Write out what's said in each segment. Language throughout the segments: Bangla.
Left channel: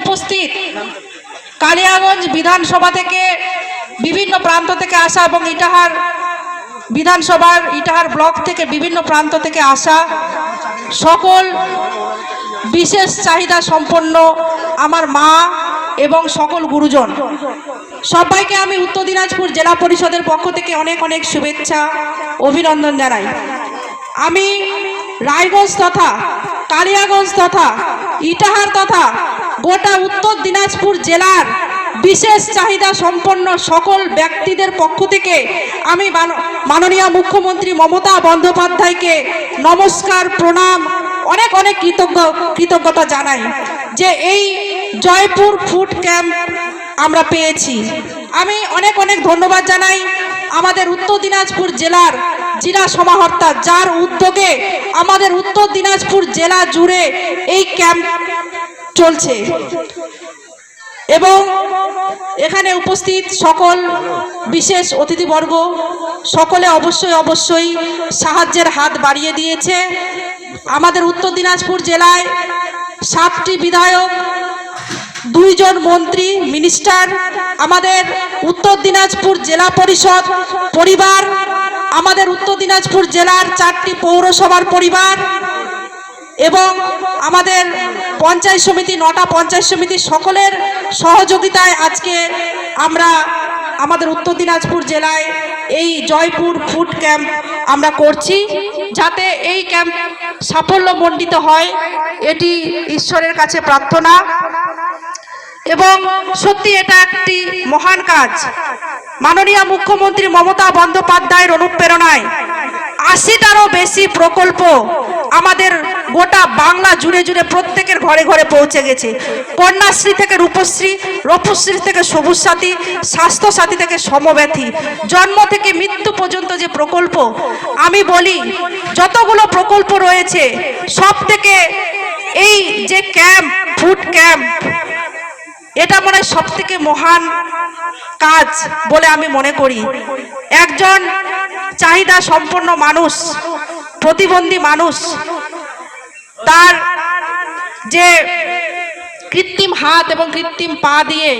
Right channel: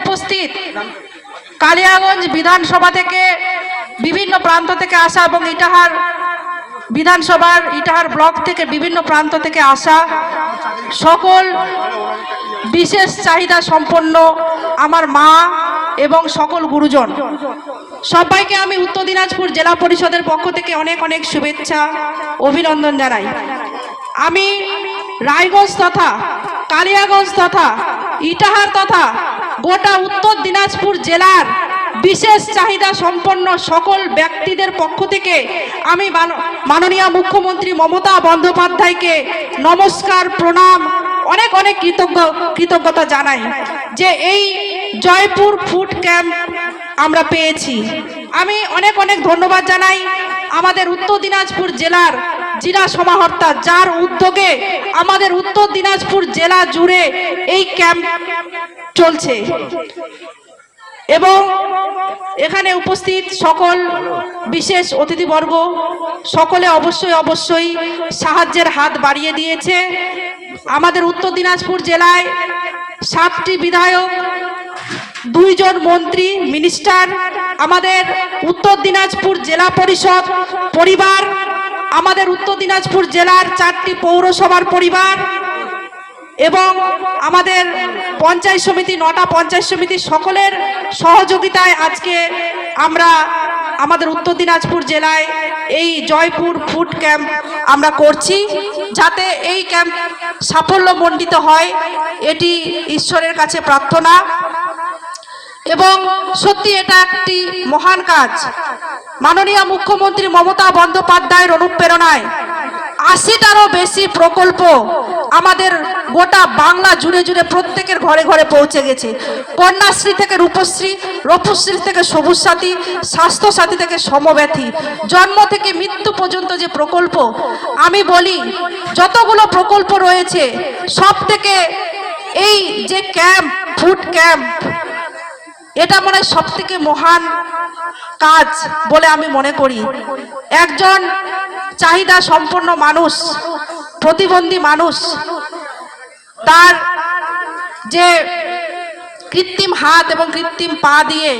উপস্থিত কালিয়াগঞ্জ বিধানসভা থেকে বিভিন্ন প্রান্ত থেকে আসা এবং ইটাহার বিধানসভার ইটাহার ব্লক থেকে বিভিন্ন প্রান্ত থেকে আসা সকল বিশেষ চাহিদা সম্পন্ন আমার মা এবং সকল গুরুজন। সবাইকে আমি উত্তর দিনাজপুর জেলা পরিষদের পক্ষ থেকে অনেক অনেক শুভেচ্ছা, অভিনন্দন জানাই। আমি রায়গঞ্জ তথা কালিয়াগঞ্জ তথা ইটাহার তথা গোটা উত্তর দিনাজপুর জেলার বিশেষ চাহিদা সম্পন্ন সকল ব্যক্তিদের পক্ষ থেকে আমি মান- মাননীয় মুখ্যমন্ত্রী মমতা বন্দ্যোপাধ্যায়কে নমস্কার, প্রণাম, অনেক অনেক কৃতজ্ঞ, কৃতজ্ঞতা জানাই যে এই জয়পুর ফুড ক্যাম্প আমরা পেয়েছি। আমি অনেক অনেক ধন্যবাদ জানাই। আমাদের উত্তর দিনাজপুর জেলার জেলা সমাহর্তা, যার উদ্যোগে আমাদের উত্তর দিনাজপুর জেলা জুড়ে এই ক্যাম্প চলছে। এবং এখানে উপস্থিত সকল বিশেষ অতিথিবর্গ, সকলে অবশ্যই অবশ্যই সাহায্যের হাত বাড়িয়ে দিয়েছে। আমাদের উত্তর দিনাজপুর জেলায় সাতটি বিধায়ক, দুইজন মন্ত্রী, মিনিস্টার, আমাদের উত্তর দিনাজপুর জেলা পরিষদ, পরিবার আমাদের উত্তর দিনাজপুর জেলার চারটি পৌরসভার পরিবার এবং আমাদের পঞ্চায়েত সমিতি, নটা পঞ্চায়েত সমিতি সকলের সহযোগিতায় আজকে আমরা আমাদের উত্তর দিনাজপুর জেলায় এই জয়পুর ফুড ক্যাম্প আমরা করছি, যাতে এই ক্যাম্প সাফল্যমণ্ডিত হয়। এটি ঈশ্বরের কাছে প্রার্থনা। এবং সত্যি এটা একটি মহান কাজ। মাননীয় মুখ্যমন্ত্রী মমতা বন্দ্যোপাধ্যায়ের অনুপ্রেরণায় আশিটারও বেশি প্রকল্প আমাদের গোটা বাংলা জুড়ে জুড়ে প্রত্যেকের ঘরে ঘরে পৌঁছে গেছে। কন্যাশ্রী থেকে রূপশ্রী রূপশ্রী থেকে সবুজ সাথী স্বাস্থ্য সাথী থেকে সমব্যথী। জন্ম থেকে মৃত্যু পর্যন্ত যে প্রকল্প, আমি বলি, যতগুলো প্রকল্প রয়েছে সব থেকে এই যে ক্যাম্প, ফুড ক্যাম্প এটা মনে হয় সব থেকে মহান কাজ বলে আমি মনে করি। একজন চাহিদা সম্পন্ন মানুষ, প্রতিবন্ধী মানুষ, তার যে কৃত্রিম হাত এবং কৃত্রিম পা দিয়ে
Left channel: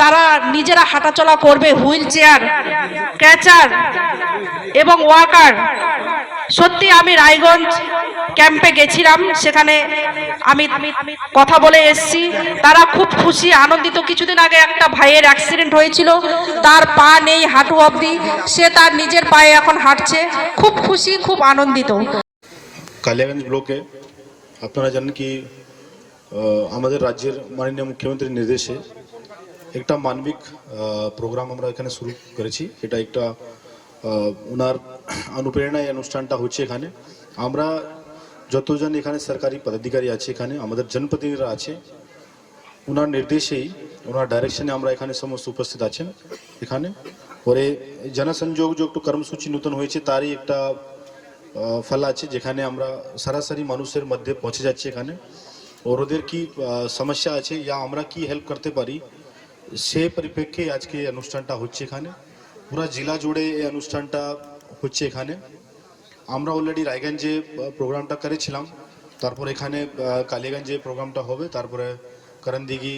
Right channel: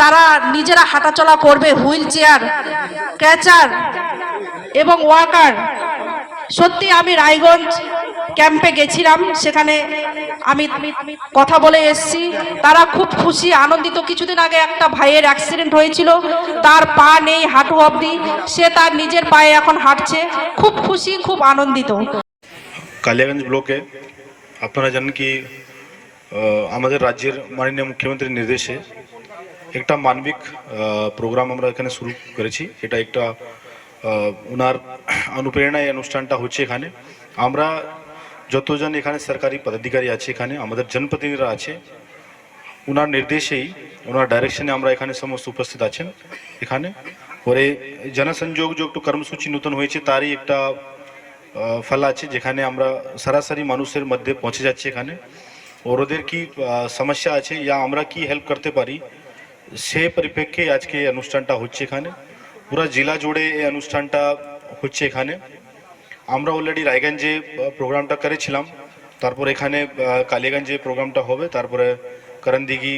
তারা নিজেরা হাঁটাচলা করবে, হুইল চেয়ার, ক্যাচার এবং ওয়াকার। সত্যি আমি রায়গঞ্জ ক্যাম্পে গেছিলাম, সেখানে আমি কথা বলে এসেছি। তারা খুব খুশি, আনন্দিত। কিছুদিন আগে একটা ভাইয়ের অ্যাক্সিডেন্ট হয়েছিল, তার পা নেই হাঁটু অবধি, সে তার নিজের পায়ে এখন হাঁটছে। খুব খুশি, খুব আনন্দিত। কালিয়াগঞ্জ ব্লকে আপনারা জানেন কি আমাদের রাজ্যের মাননীয় মুখ্যমন্ত্রীর নির্দেশে একটা মানবিক প্রোগ্রাম আমরা এখানে শুরু করেছি। এটা একটা ওনার অনুপ্রেরণায় অনুষ্ঠানটা হচ্ছে এখানে। আমরা যতজন এখানে সরকারি পদাধিকারী আছে এখানে আমাদের জনপ্রতিনিধিরা আছে ওনার নির্দেশেই ওনার ডাইরেকশনে আমরা এখানে সমস্ত উপস্থিত আছেন এখানে। ওরে জনসংযোগ যে একটু কর্মসূচি নতুন হয়েছে তারই একটা আহ, ফল আছে যেখানে আমরা সরাসরি মানুষের মধ্যে পৌঁছে যাচ্ছি এখানে। ওর ওদের কি আহ, সমস্যা আছে ইয়া আমরা কি হেল্প করতে পারি সে পরিপ্রেক্ষে আজকে এই অনুষ্ঠানটা হচ্ছে এখানে। পুরো জেলা জুড়ে এই অনুষ্ঠানটা হচ্ছে এখানে। আমরা অলরেডি রায়গঞ্জে প্রোগ্রামটা করেছিলাম। তারপর এখানে আহ, কালীগঞ্জে প্রোগ্রামটা হবে। তারপরে করণদিঘি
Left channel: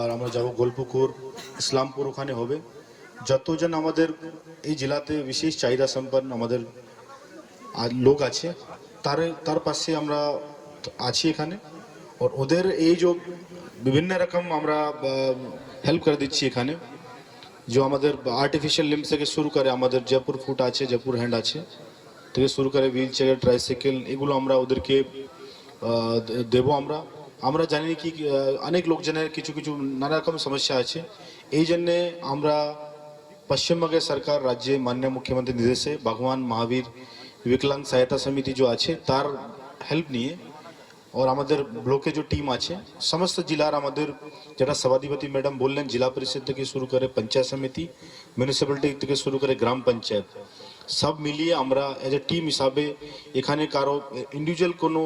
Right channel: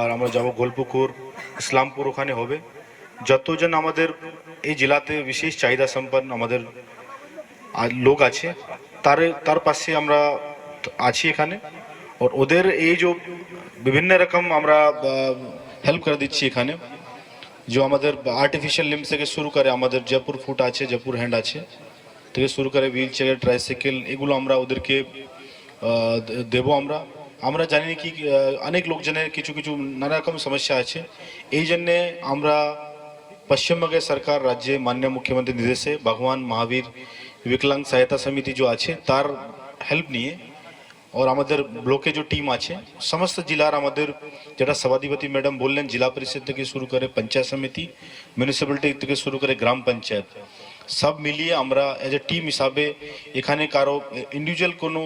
আর আমরা যাব গোলপুকুর ইসলামপুর ওখানে হবে। যতজন আমাদের এই জেলাতে বিশেষ চাহিদা সম্পন্ন আমাদের লোক আছে তার তার পাশে আমরা আছি এখানে। আর ওদের এই যে বিভিন্ন রকম আমরা হেল্প করে দিচ্ছি এখানে। যে আমাদের আর্টিফিশিয়াল লিম্স থেকে শুরু করে আমাদের জয়পুর ফুট আছে জয়পুর হ্যান্ড আছে। থেকে শুরু করে হুইল চেয়ার ট্রাইসাইকেল এগুলো আমরা ওদেরকে আহ, দে- দেবো আমরা। আমরা জানি কি আহ, অনেক লোকজনের কিছু কিছু নানা রকম সমস্যা আছে। এই জন্যে আমরা পশ্চিমবঙ্গের সরকার রাজ্যে মাননীয় মুখ্যমন্ত্রী নির্দেশে ভগবান মহাবীর বিকলাঙ্গ সহায়তা সমিতি যে আছে তার হেল্প নিয়ে और আমাদের ব্লকে যে টিম আছে সমস্ত জেলার আমাদের যেটা সভাধিপতি ম্যাডাম বললেন জেলা পরিষদ থেকে শুরু করে পঞ্চায়েত সমিতি মিউনিসিপ্যালিটি থেকে শুরু করে গ্রাম পঞ্চায়েত। সব মিলিয়ে আমরা এজ এ টিম হিসাবে এখানে কারও ইন্ডিভিজুয়াল কোনো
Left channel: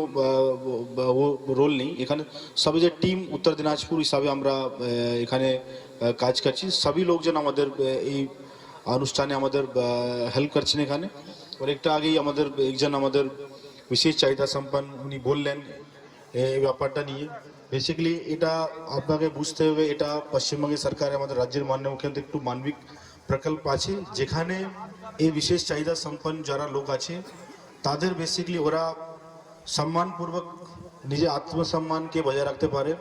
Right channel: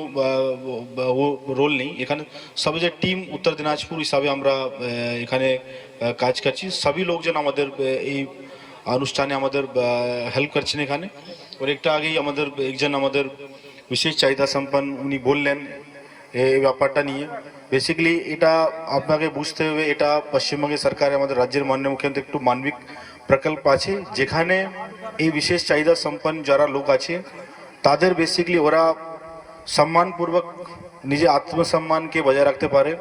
রোল নেই। এখানে সব যে টিম উত্তর দিনাজপুর হিসাবে আমরা এখানে কাজ করছি। সবই লোকজন আমাদের এই অনুষ্ঠানে আমাদের হেল্প করছেন এখানে। ওর একটা আগেই আমাদের একজন আমাদের বিশেষ চাহিদা সম্পন্ন উনি বললেন এই ব্যাপারটা নিয়ে। বেসিক্যালি এটা আপনাকে বুঝতে হবে, এটা পশ্চিমবঙ্গের সরকার আমাদের রাজ্যের মাননীয় মুখ্যমন্ত্রী একটু মানবিক প্রকল্প আছে। যেখানে এই বিশেষ চাহিদা সম্পন্ন যারা লোক আছে, তাদের বেসিক্যালি ওরা সম্মানপূর্বক নিজে আত্মসম্মানকে বজায় রাখতে পারে।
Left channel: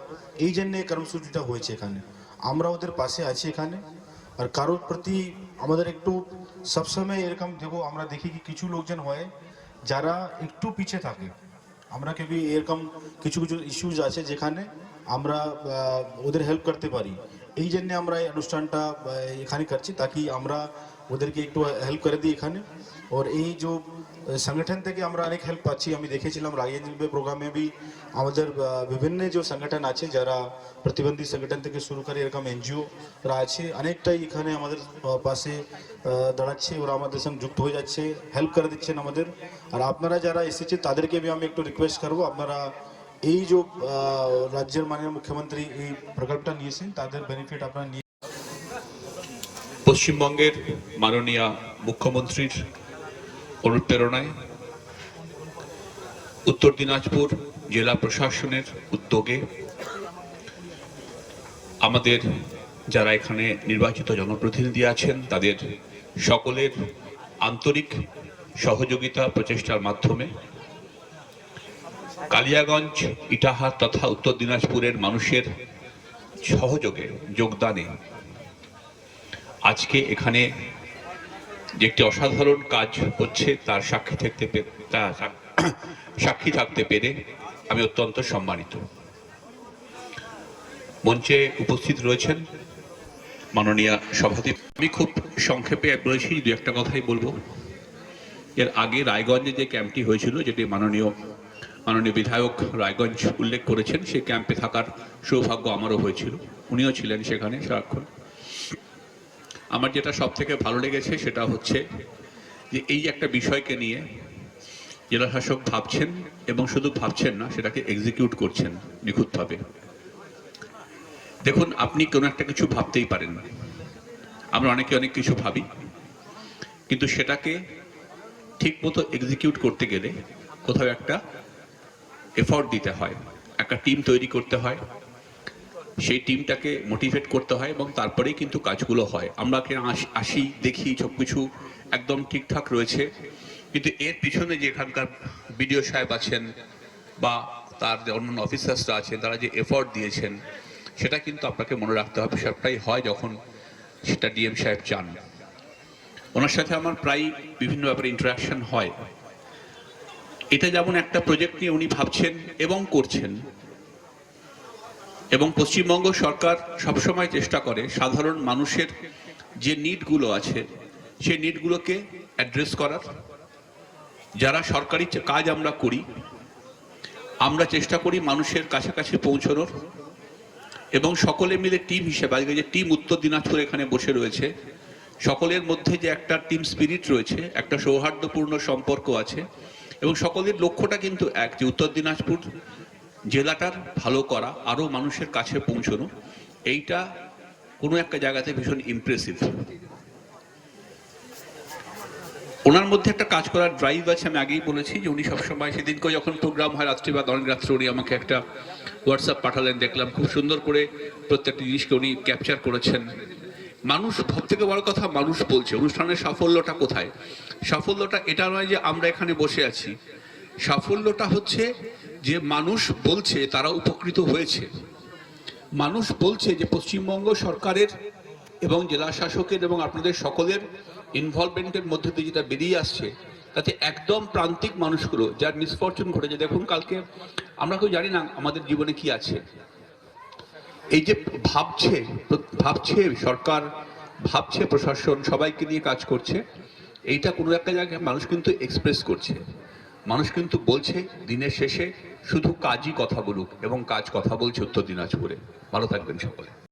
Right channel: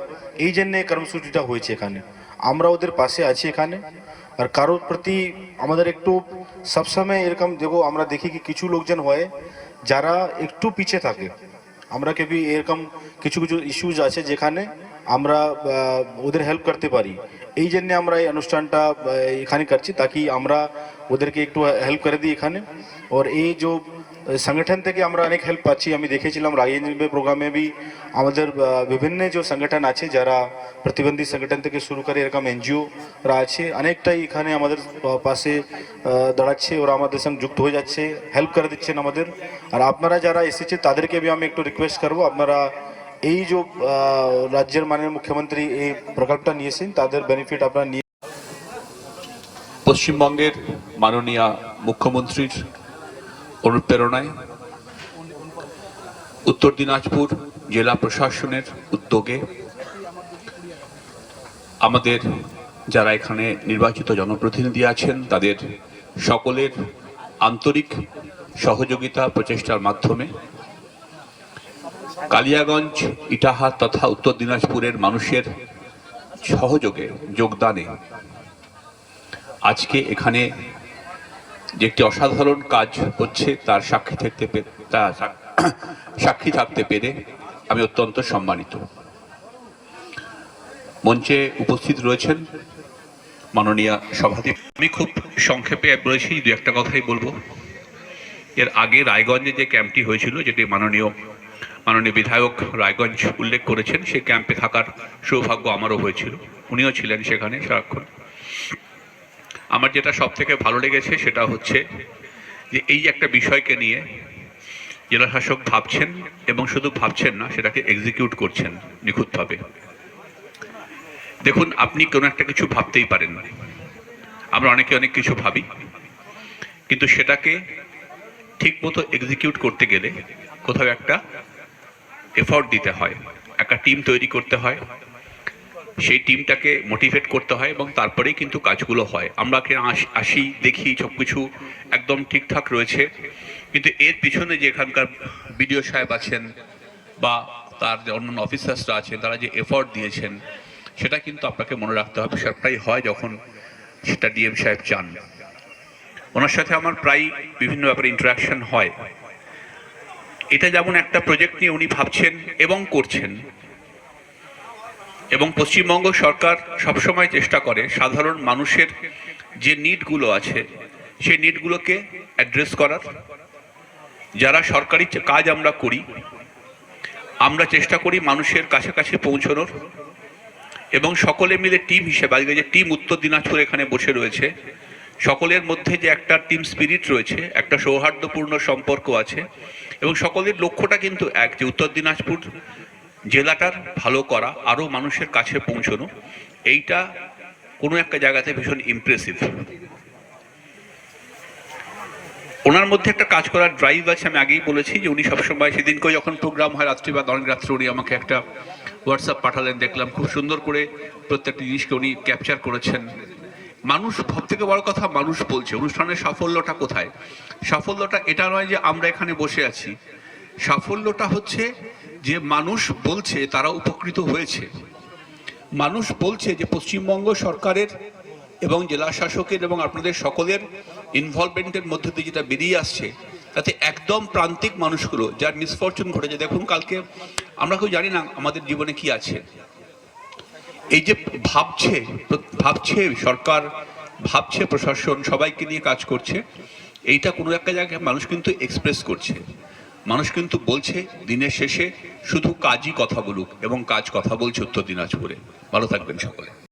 এই জন্য এই কর্মসূচিটা হয়েছে এখানে। আমরা ওদের পাশে আছি এখানে। আর কারোর প্রতি আমাদের একটু সবসময় এরকম দেখো, আমরা দেখি কি কিছু লোকজন হয়, যারা একটু পিছে থাকে। আমরা কেবি এরকম কিছু কিছু ইস্যুজ আছে যেখানে আমরা আহ, ওদের হেল্প করতে পারি। এই জন্য আমরা এই অনুষ্ঠানটা আহ, এখানে করছি তাকি আমরা ওদেরকে একটু হেল্প করে দিই এখানে। ওর এই যে সংগঠন থেকে আমরা অনেক হেল্প পাচ্ছি। আমি দেখেছিলাম রাজেন্দ্র প্রোগ্রামে বি আমাদের আহ, বিভিন্ন যে সংগঠন আছে যারা প্রতিবন্ধী সংগঠন থেকে শুরু করে এরকম এনজিওরা আছে অনেকটাই এখানে আমাদের আহ, পাশে আহ, দাঁড়াচ্ছে। ওরা আমাদের সঙ্গে যুক্ত হয়ে যাচ্ছে হেল্প করে দিচ্ছেন আমাদের। আর আপনারা যারা এসেছে তাদেরকে বি আমি একটু রিকোয়েস্ট করব। আপনারা এই যে রাজ্যের মাননীয় মুখ্যমন্ত্রী এই প্রকল্পটা নিয়েছেন, তাদের বেনিফিট আপনারা নিয়ে পশ্চিমবঙ্গের মাননীয় মুখ্যমন্ত্রীর অনুপ্রেরণায় উত্তর দিনাজপুর জেলা প্রশাসনের উদ্যোগে আমাদের যারা এখানে নির্বাচিত জনপ্রতিনিধি আছেন, তাদের সকলের আন্তরিক সহযোগিতা প্রচেষ্টার মাধ্যমে কালিয়াগঞ্জ ইটাহার তথা উত্তর দিনাজপুরের মানুষের সহযোগে, যোগদানে। আজকে এখানে যে একটি অসাধারণ কাজ হচ্ছে, তার সাক্ষী থাকতে তা সাক্ষী থাকতে পেরে আমি অত্যন্ত সম্মানিত। মঞ্চে উপস্থিত রয়েছেন মাননীয় সভাপতি আমি খুব সংক্ষেপে বলেছি দু একটা কথাই বলব। এর আগে রায়গঞ্জে যে ক্যাম্পটি হয়েছিল, যেটি মাননীয় মাননীয় বিধায়ক রায়গঞ্জ উল্লেখ করেছেন সেই ক্যাম্পে থাকার সৌভাগ্য আমারও হয়েছিল। উনিও ছিলেন সেখানে সারাক্ষণ। আমার যেটা সব থেকে ভালো লেগেছে সেটা হচ্ছে যে এই একটা বিষয়কে নিয়ে জেলা শাসক ভাবছেন এবং শুধু ভাবছেন না, সেটাকে এক্সিকিউট করছেন নিখুঁতভাবে। দেখুন, আপনি কোনো একটা কিছু ভাবতেই পারেন। আমরা অনেকে অনেক কিছু ভাবি, কিন্তু সেটাকে ঠিক মতো এক্সিকিউট করতে গেলে কোথাও একটা এফর্ট দিতে হয়। একটা টিম তৈরি করতে হয়। সেই টিমটাকে মোটিভেট করতে হয় এবং তারপরেই কিন্তু কাজগুলো হয়। আমরা আসি, দেখি সব কিছু একদম ঠিকঠাক রয়েছে। কিন্তু এর পিছনে যে এখানকার বিডিও সাহেব আছেন বা তার যে অন্যান্য অফিসার্সরা আছেন, তারা যে এফর্ট দিয়েছেন, সেটা কিন্তু আপনাকে মনে রাখতে হবে। সবটাই হয় যখন সেটা ডিএম সাহেব চান। ওনার সাথে আমার প্রায় বিভিন্ন ব্যাপারে ইন্টারাকশন হয়। এটা যেমন একটা প্রজেক্ট নিয়ে উনি ভাবছেন এবং করছেন। এবং পশ্চিমবঙ্গ সরকার সবসময় চেষ্টা করে সাধারণ মানুষের যে নিডগুলো আছে, সেই নিডগুলোকে অ্যাড্রেস করার। যারা সরকারি কাজ আমরা করি, আমরা চেষ্টা করি মানুষের কাছাকাছি পৌঁছানোর। এবং সকলে মিলে টিম হিসেবে, আজকে যে টিম উত্তর দিনাজপুর এখানে বসে রয়েছে, সকলের মধ্যে যে একটা টিম স্পিরিট রয়েছে, একটা সৌহার্দ্যপূর্ণ সম্পর্ক আছে এবং সকলের লক্ষ্যটা কিন্তু এক, যে উত্তর দিনাজপুর জেলাটার ভালো করা, আরও মানুষের কাছে পৌঁছানো, এইটা কোনো একটা জায়গাতে ভীষণ ইমপ্রেসিভ ওনার মধ্যে একটা কাজ করার ড্রাইভ আছে, আমি আগেই বলেছি যে উনি সবসময় সেদিনকে যখন প্রোগ্রাম হয় রাত্রি বা অনেক রাত্রে উনি আমাকে একটা হোয়াটসঅ্যাপ পাঠালেন, দেখলাম খুব সুন্দর করে প্রত্যেকটি জিনিসকে উনি ক্যাপচার করেছেন। মানুষ, সব থেকে বড় কথা মানুষ বলছে। অনুষ্ঠানের সাফল্যটা কোথায়? সাফল্যটা এটা নয় যে আমরা এখানে বসে আছি। সাফল্যটা হচ্ছে যে মানুষ বলছে তারা উপকৃত হয়েছে। মানুষ বলছে যে পশ্চিমবঙ্গ সরকারের এবং জেলা শাসকের এবং আপনাদের সকলের ইনভলভমেন্টের মধ্যে দিয়ে যেটা বেরিয়ে আসছে, তাতে একদম প্রান্তিক মানুষগুলো, যার মিসফরচুন ঘটেছে। দেখুন, কালকে আমরা কেউ জানি না আমাদের জীবনে কি আছে। এই যে ভাবছে ভাবছে সরকার, ভাবছে প্রশাসন, সবাইকে নিয়ে কাজ করছে, এইটা কোনো একটা জায়গায় মানুষ কিন্তু এক্সপ্রেস করছে। মানুষ কিন্তু বলছে, দিনের শেষে শুধু কাজই কথা বলুক এবং কাজ কথা বলছে উত্তর দিনাজপুরে। ভালো থাকবেন সকলে।